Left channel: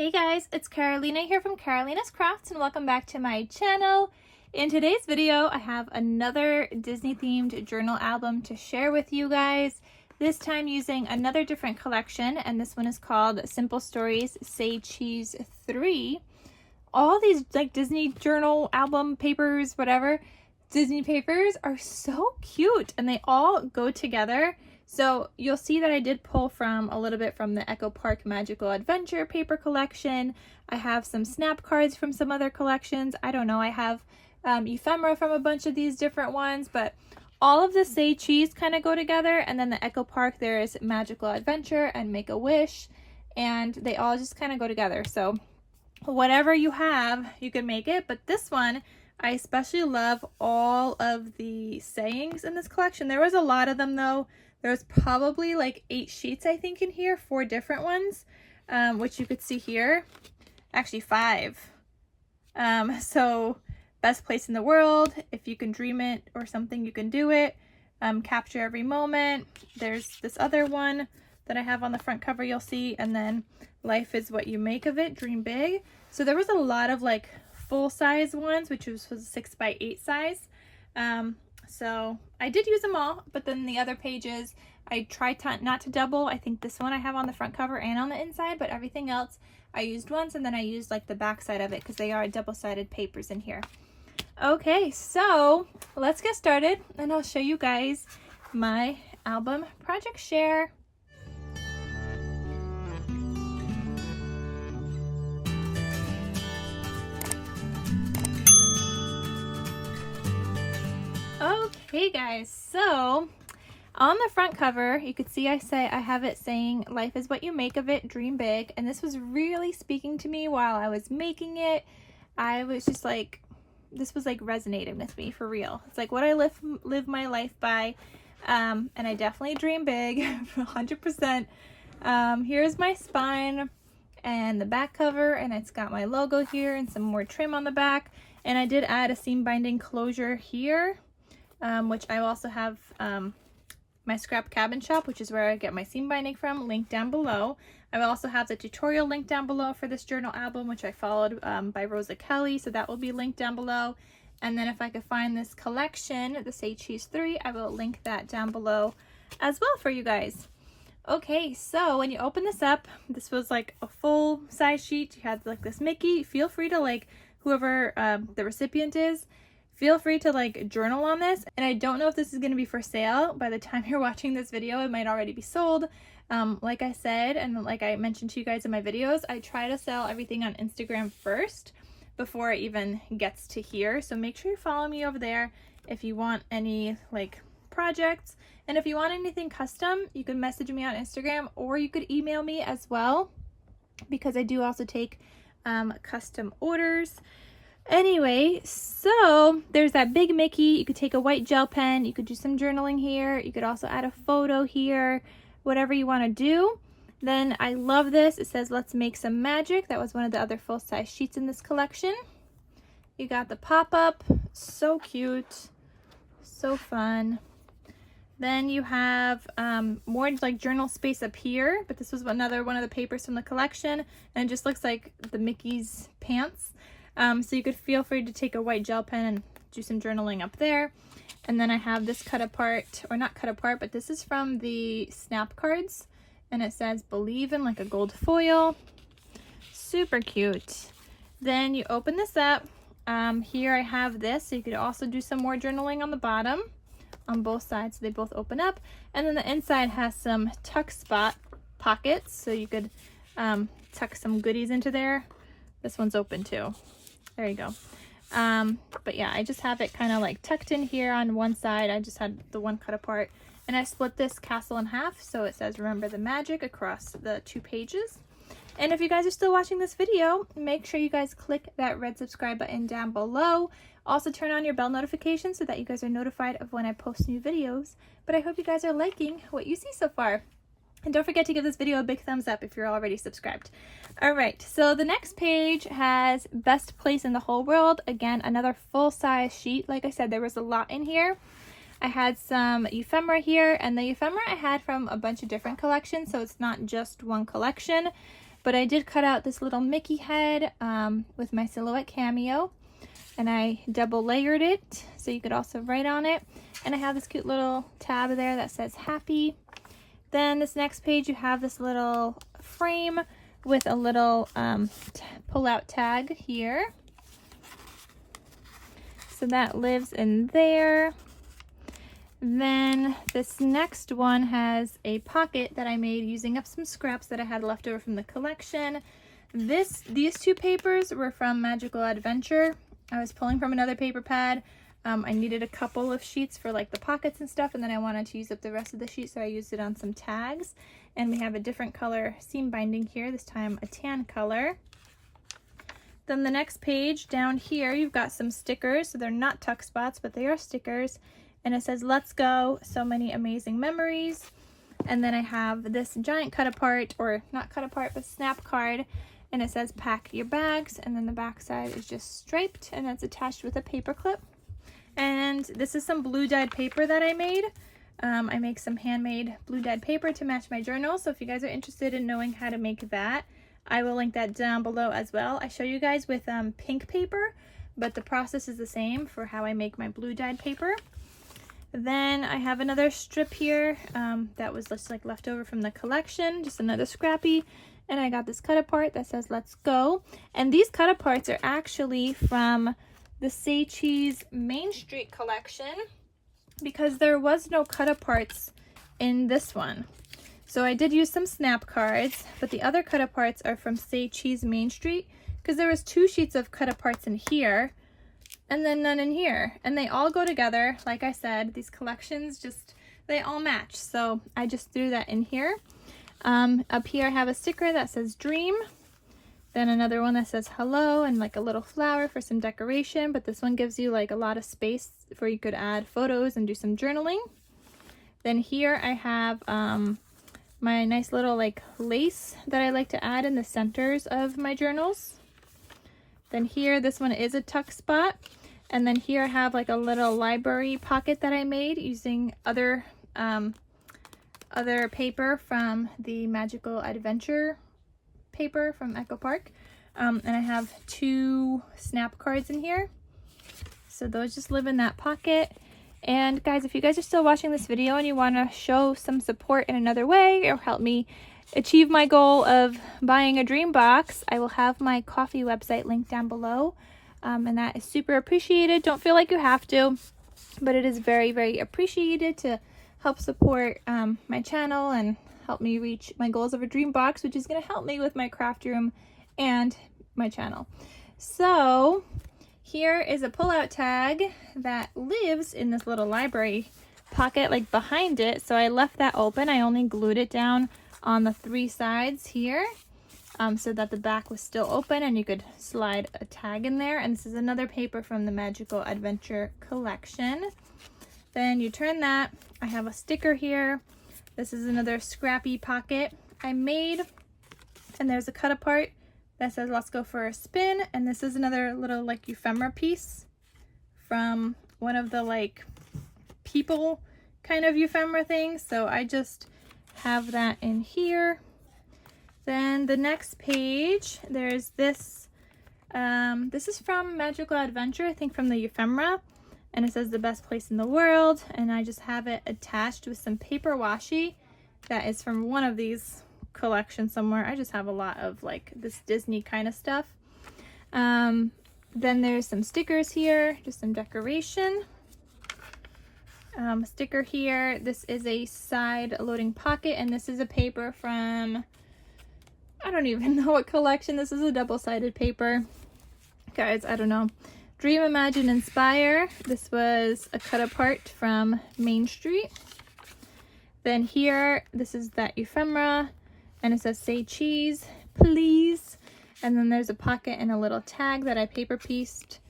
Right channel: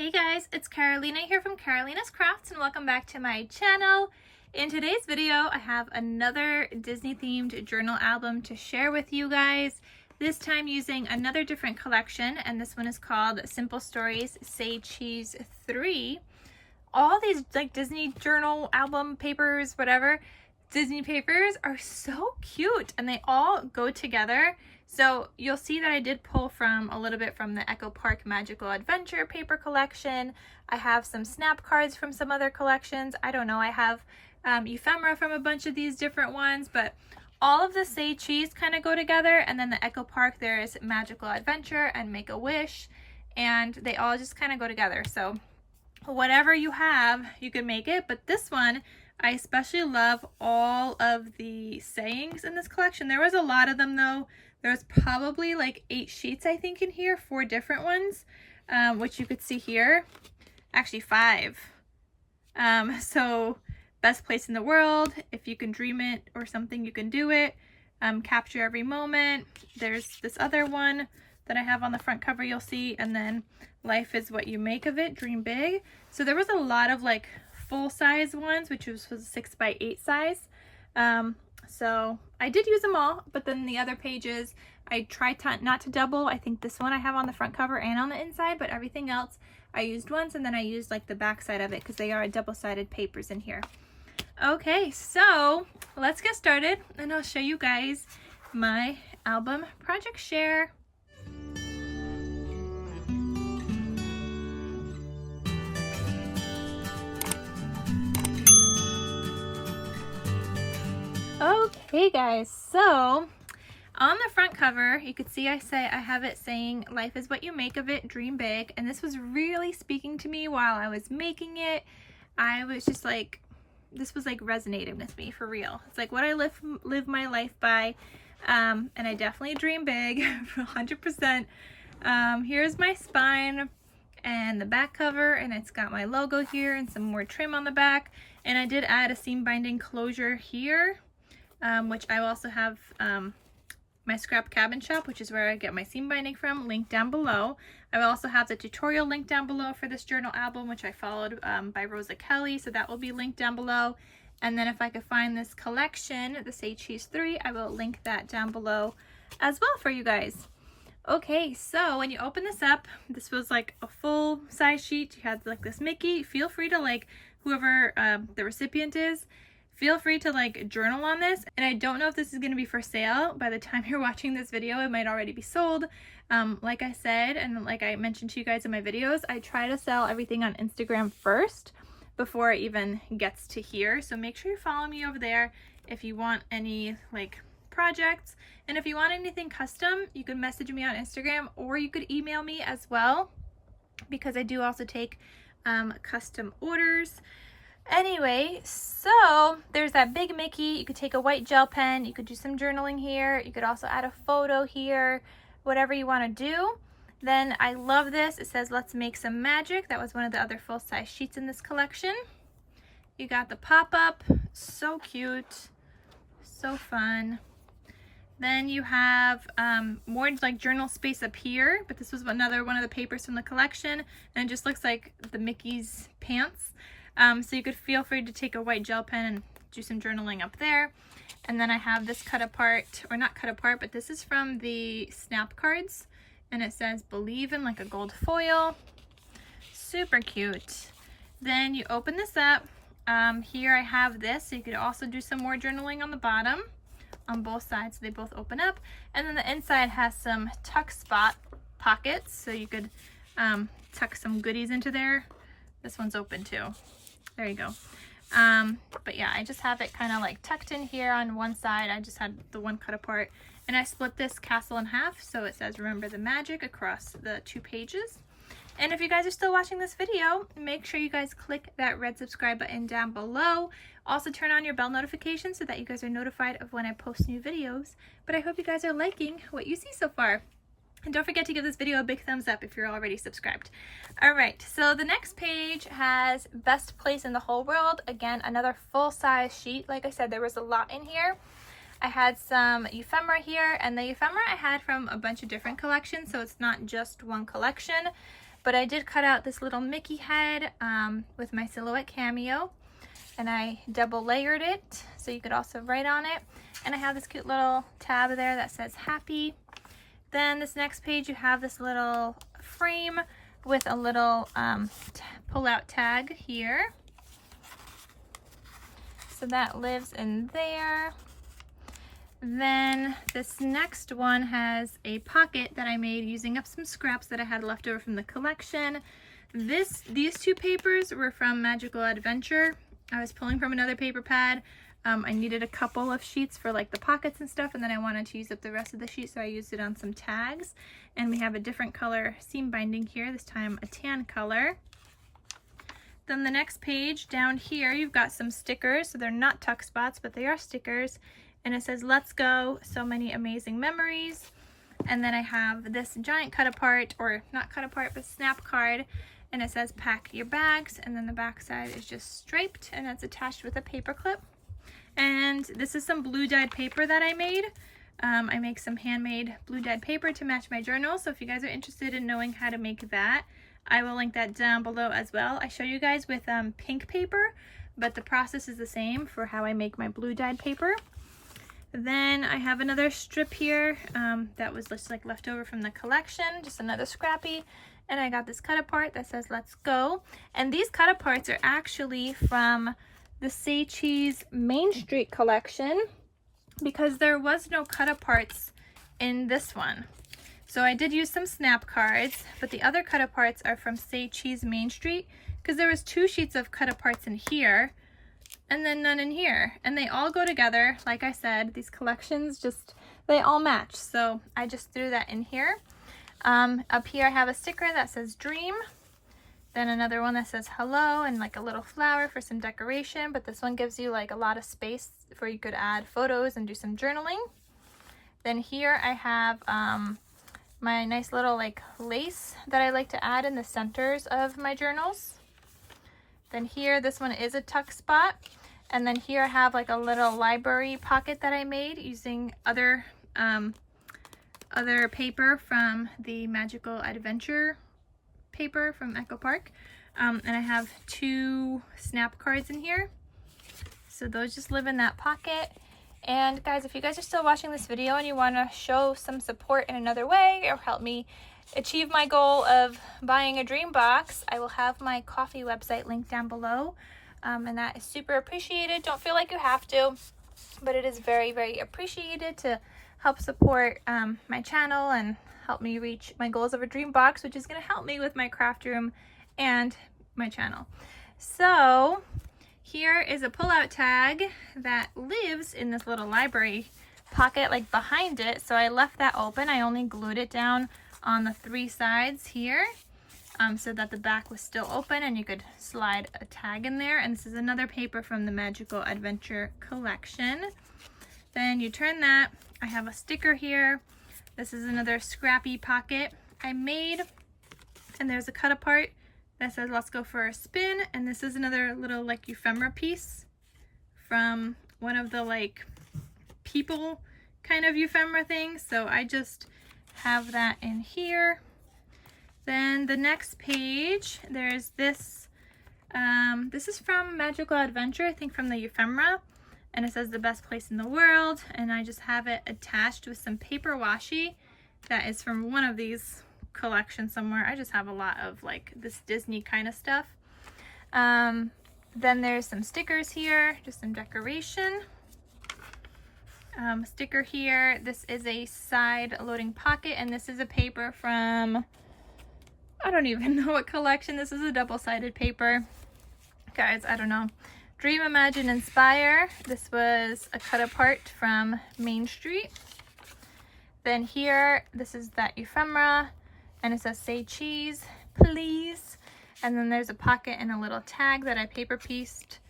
Hey guys, it's Carolina here from KarolinasKrafts and welcome back to my channel. In today's video, I have another Disney themed journal album to share with you guys. This time using another different collection, and this one is called Simple Stories Say Cheese 3. All these like Disney journal album papers, whatever, Disney papers are so cute and they all go together. So you'll see that I did pull from a little bit from the Echo Park Magical Adventure paper collection. I have some snap cards from some other collections. I don't know, I have ephemera from a bunch of these different ones, but all of the Say Cheese kind of go together. And then the Echo Park, there is Magical Adventure and Make a Wish, and they all just kind of go together. So whatever you have, you can make it. But this one, I especially love all of the sayings in this collection. There was a lot of them though. There's probably like 8 sheets, I think, in here, 4 different ones, which you could see here. Actually 5. So best place in the world, if you can dream it or something, you can do it. Capture every moment. There's this other one that I have on the front cover, you'll see, and then life is what you make of it, dream big. So there was a lot of like full-size ones, which was a 6x8 size. So I did use them all, but then the other pages I tried not to double. I think this one I have on the front cover and on the inside, but everything else I used once, and then I used like the back side of it because they are double-sided papers in here. Okay, so let's get started and I'll show you guys my album project share. Okay guys, so on the front cover, you can see I have it saying life is what you make of it, dream big, and this was really speaking to me while I was making it. I was just like, this was like resonating with me for real. It's like what I live my life by, and I definitely dream big, 100%. Here's my spine and the back cover, and it's got my logo here and some more trim on the back, and I did add a seam binding closure here. Which I also have my Scrap Cabin Shop, which is where I get my seam binding from, linked down below. I will also have the tutorial linked down below for this journal album, which I followed by Rosa Kelly, so that will be linked down below. And then if I could find this collection, the Say Cheese 3, I will link that down below as well for you guys. Okay, so when you open this up, this was like a full size sheet. You had like this Mickey. Feel free to, like, whoever the recipient is, feel free to like journal on this. And I don't know if this is going to be for sale. By the time you're watching this video, it might already be sold. Like I said, and like I mentioned to you guys in my videos, I try to sell everything on Instagram first before it even gets to here. So make sure you follow me over there if you want any like projects. And if you want anything custom, you can message me on Instagram, or you could email me as well, because I do also take custom orders. Anyway, so there's that big Mickey. You could take a white gel pen, you could do some journaling here, you could also add a photo here, whatever you want to do. Then I love this. It says let's make some magic. That was one of the other full-size sheets in this collection. You got the pop-up, so cute, so fun. Then you have more like journal space up here, but this was another one of the papers from the collection, and it just looks like the Mickey's pants. So you could feel free to take a white gel pen and do some journaling up there. And then I have this cut apart, or not cut apart, but this is from the snap cards, and it says believe in, like a gold foil. Super cute. Then you open this up. Here I have this, so you could also do some more journaling on the bottom on both sides. So they both open up, and then the inside has some tuck spot pockets, so you could tuck some goodies into there. This one's open too. There you go. But yeah, I just have it kind of like tucked in here on one side. I just had the one cut apart, and I split this castle in half, so it says remember the magic across the 2 pages. And if you guys are still watching this video, make sure you guys click that red subscribe button down below. Also turn on your bell notifications so that you guys are notified of when I post new videos. But I hope you guys are liking what you see so far. And don't forget to give this video a big thumbs up if you're already subscribed. Alright, so the next page has best place in the whole world. Again, another full-size sheet. Like I said, there was a lot in here. I had some ephemera here, and the ephemera I had from a bunch of different collections, so it's not just one collection. But I did cut out this little Mickey head with my silhouette cameo, and I double layered it so you could also write on it. And I have this cute little tab there that says happy. Then this next page you have this little frame with a little pull-out tag here. So that lives in there. Then this next one has a pocket that I made using up some scraps that I had left over from the collection. These two papers were from Magical Adventure. I was pulling from another paper pad. I needed a couple of sheets for like the pockets and stuff, and then I wanted to use up the rest of the sheet, so I used it on some tags. And we have a different color seam binding here, this time a tan color. Then the next page down here, you've got some stickers. So they're not tuck spots, but they are stickers. And it says, "Let's go, so many amazing memories." And then I have this giant cut apart, or not cut apart, but snap card. And it says, "Pack your bags." And then the back side is just striped, and that's attached with a paper clip. And this is some blue dyed paper that I made. I make some handmade blue dyed paper to match my journal. So if you guys are interested in knowing how to make that, I will link that down below as well. I show you guys with pink paper, but the process is the same for how I make my blue dyed paper. Then I have another strip here that was just like left over from the collection, just another scrappy. And I got this cut apart that says "Let's go." And these cut aparts are actually from the Say Cheese Main Street collection, because there was no cut aparts in this one. So I did use some snap cards, but the other cut aparts are from Say Cheese Main Street, because there was 2 sheets of cut aparts in here and then none in here, and they all go together. Like I said, these collections just, they all match, so I just threw that in here. Up here I have a sticker that says "Dream." Then another one that says "Hello" and like a little flower for some decoration, but this one gives you like a lot of space where you could add photos and do some journaling. Then here I have my nice little like lace that I like to add in the centers of my journals. Then here, this one is a tuck spot. And then here I have like a little library pocket that I made using other paper from the Magical Adventure paper from Echo Park. And I have 2 snap cards in here. So those just live in that pocket. And guys, if you guys are still watching this video and you want to show some support in another way or help me achieve my goal of buying a dream box, I will have my coffee website linked down below. And that is super appreciated. Don't feel like you have to, but it is very, very appreciated to help support my channel and help me reach my goals of a dream box, which is going to help me with my craft room and my channel. So here is a pull-out tag that lives in this little library pocket, like behind it. So I left that open. I only glued it down on the 3 sides here so that the back was still open and you could slide a tag in there. And this is another paper from the Magical Adventure collection. Then you turn that. I have a sticker here. This is another scrappy pocket I made, and there's a cut apart that says "Let's go for a spin." And this is another little like ephemera piece from one of the like people kind of ephemera things. So I just have that in here. Then the next page, there's this. This is from Magical Adventure, I think from the ephemera. And it says "The best place in the world." And I just have it attached with some paper washi that is from one of these collections somewhere. I just have a lot of like this Disney kind of stuff. Then there's some stickers here, just some decoration. Sticker here. This is a side loading pocket, and this is a paper from, I don't even know what collection. This is a double-sided paper. Guys, I don't know. Dream, Imagine, Inspire. This was a cut apart from Main Street. Then here, this is that ephemera, and it says "Say Cheese, Please." And then there's a pocket and a little tag that I paper pieced.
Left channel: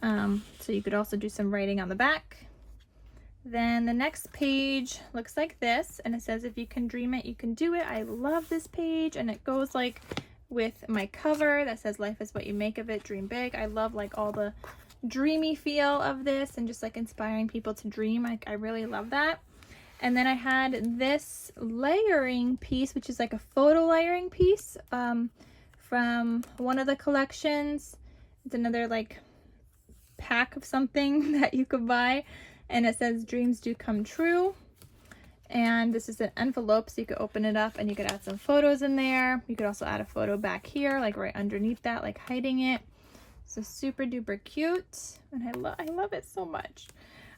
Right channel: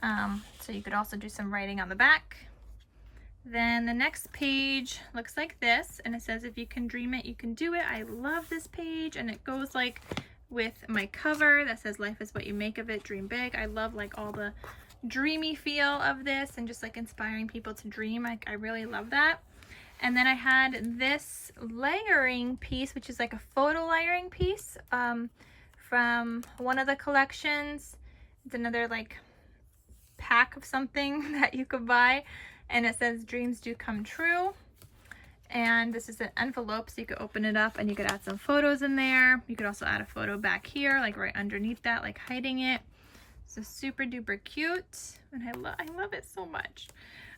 So you could also do some writing on the back. Then the next page looks like this, and it says "If you can dream it, you can do it." I love this page, and it goes like with my cover that says "Life is what you make of it, dream big." I love like all the dreamy feel of this and just like inspiring people to dream. I really love that. And then I had this layering piece, which is like a photo layering piece from one of the collections. It's another like pack of something that you could buy, and it says dreams do come true. And this is an envelope, so you could open it up and you could add some photos in there. You could also add a photo back here, like right underneath that, like hiding it. So super duper cute, and I love it so much.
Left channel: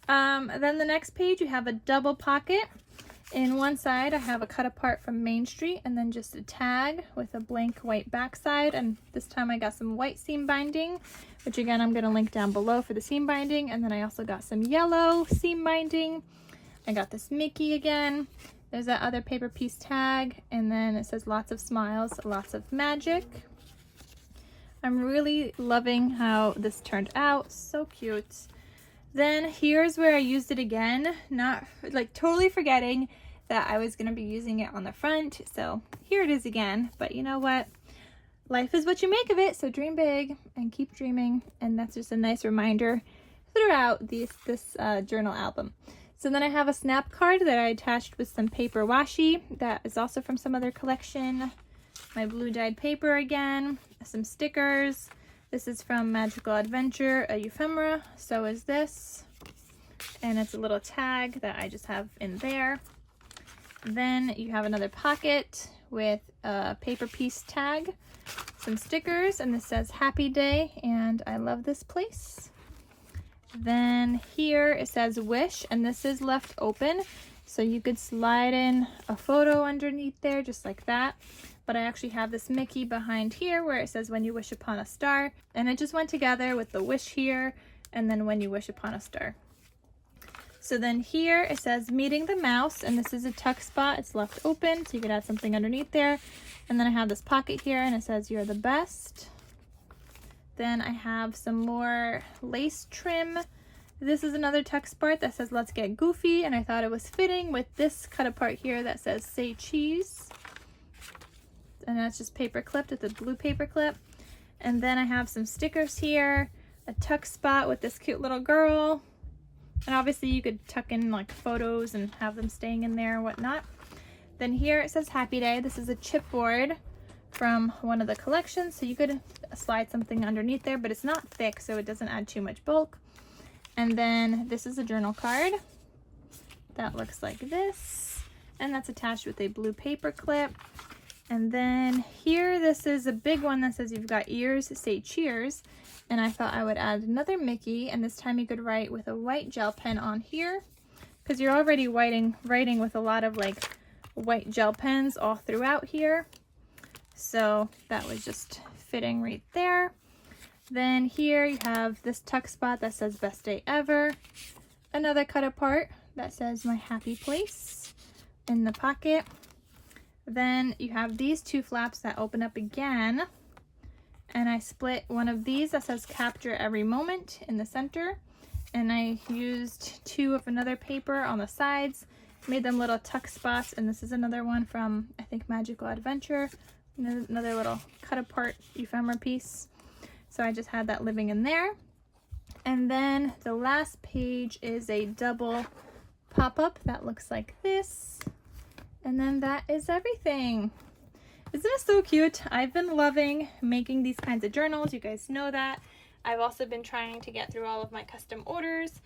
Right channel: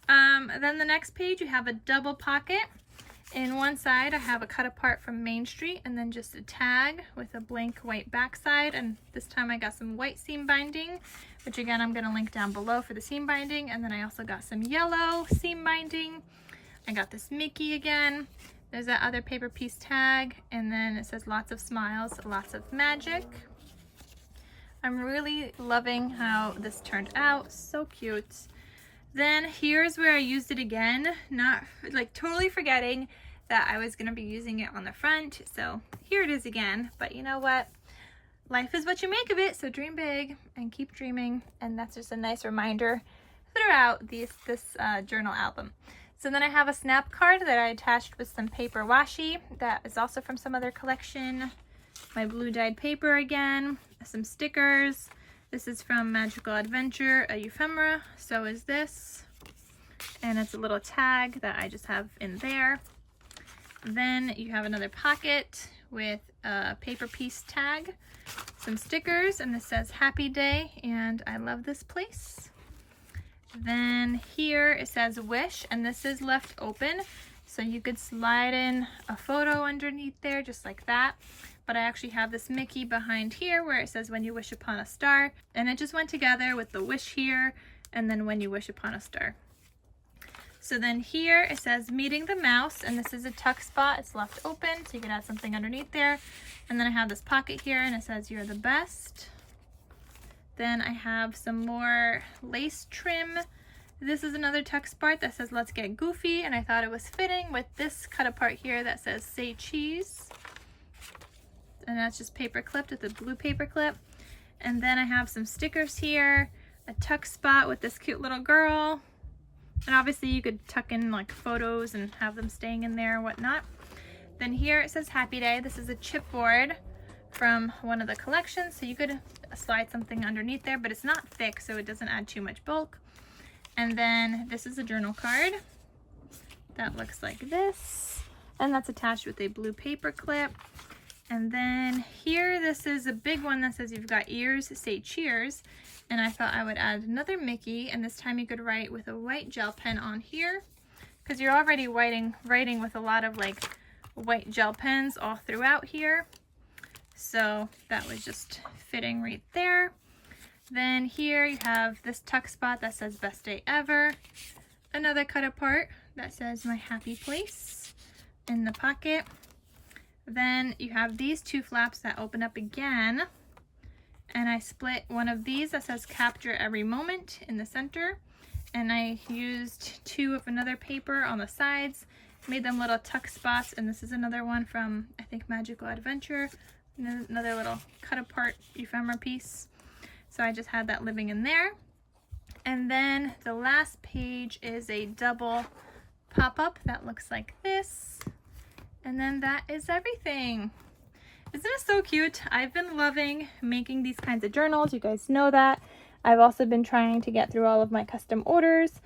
Then the next page, you have a double pocket. In one side, I have a cut apart from Main Street, and then just a tag with a blank white backside. And this time I got some white seam binding, which again, I'm gonna link down below for the seam binding. And then I also got some yellow seam binding. I got this Mickey again. There's that other paper piece tag, and then it says lots of smiles, lots of magic. I'm really loving how this turned out, so cute. Then here's where I used it again, not like totally forgetting that I was gonna be using it on the front. So here it is again, but you know what? Life is what you make of it, so dream big and keep dreaming. And that's just a nice reminder throughout this journal album. So then I have a snap card that I attached with some paper washi that is also from some other collection. My blue dyed paper again, some stickers. This is from Magical Adventure, a ephemera, so is this. And it's a little tag that I just have in there. Then you have another pocket with a paper piece tag, some stickers, and this says Happy Day, and I love this place. Then here it says Wish, and this is left open, so you could slide in a photo underneath there just like that. But I actually have this Mickey behind here where it says When You Wish Upon a Star, and it just went together with the wish here and then When You Wish Upon a Star. So then here it says Meeting the Mouse, and this is a tuck spot. It's left open, so you can add something underneath there. And then I have this pocket here, and it says You're the Best. Then I have some more lace trim. This is another tuck spot that says Let's Get Goofy, and I thought it was fitting with this cut apart here that says Say Cheese. And that's just paper clipped with a blue paper clip. And then I have some stickers here, a tuck spot with this cute little girl. And obviously you could tuck in like photos and have them staying in there and whatnot. Then here it says Happy Day. This is a chipboard from one of the collections, so you could slide something underneath there, but it's not thick, so it doesn't add too much bulk. And then this is a journal card that looks like this, and that's attached with a blue paper clip. And then here, this is a big one that says You've Got Ears, Say Cheers. And I thought I would add another Mickey, and this time you could write with a white gel pen on here, because you're already writing with a lot of like white gel pens all throughout here. So that was just fitting right there. Then here you have this tuck spot that says Best Day Ever. Another cut apart that says My Happy Place in the pocket. Then you have these two flaps that open up again. And I split one of these that says Capture Every Moment in the center. And I used two of another paper on the sides, made them little tuck spots. And this is another one from, I think, Magical Adventure. Another little cut apart ephemera piece. So I just had that living in there. And then the last page is a double pop-up that looks like this. And then that is everything. Isn't it so cute? I've been loving making these kinds of journals. You guys know that. I've also been trying to get through all of my custom orders.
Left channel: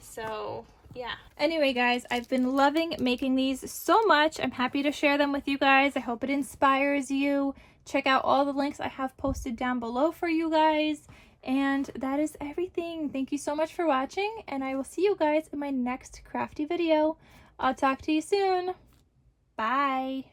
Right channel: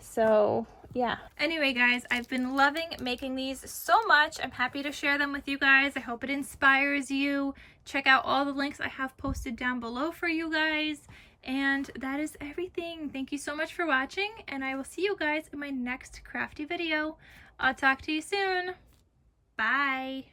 So yeah. Anyway, guys, I've been loving making these so much. I'm happy to share them with you guys. I hope it inspires you. Check out all the links I have posted down below for you guys. And that is everything. Thank you so much for watching, and I will see you guys in my next crafty video. I'll talk to you soon. Bye.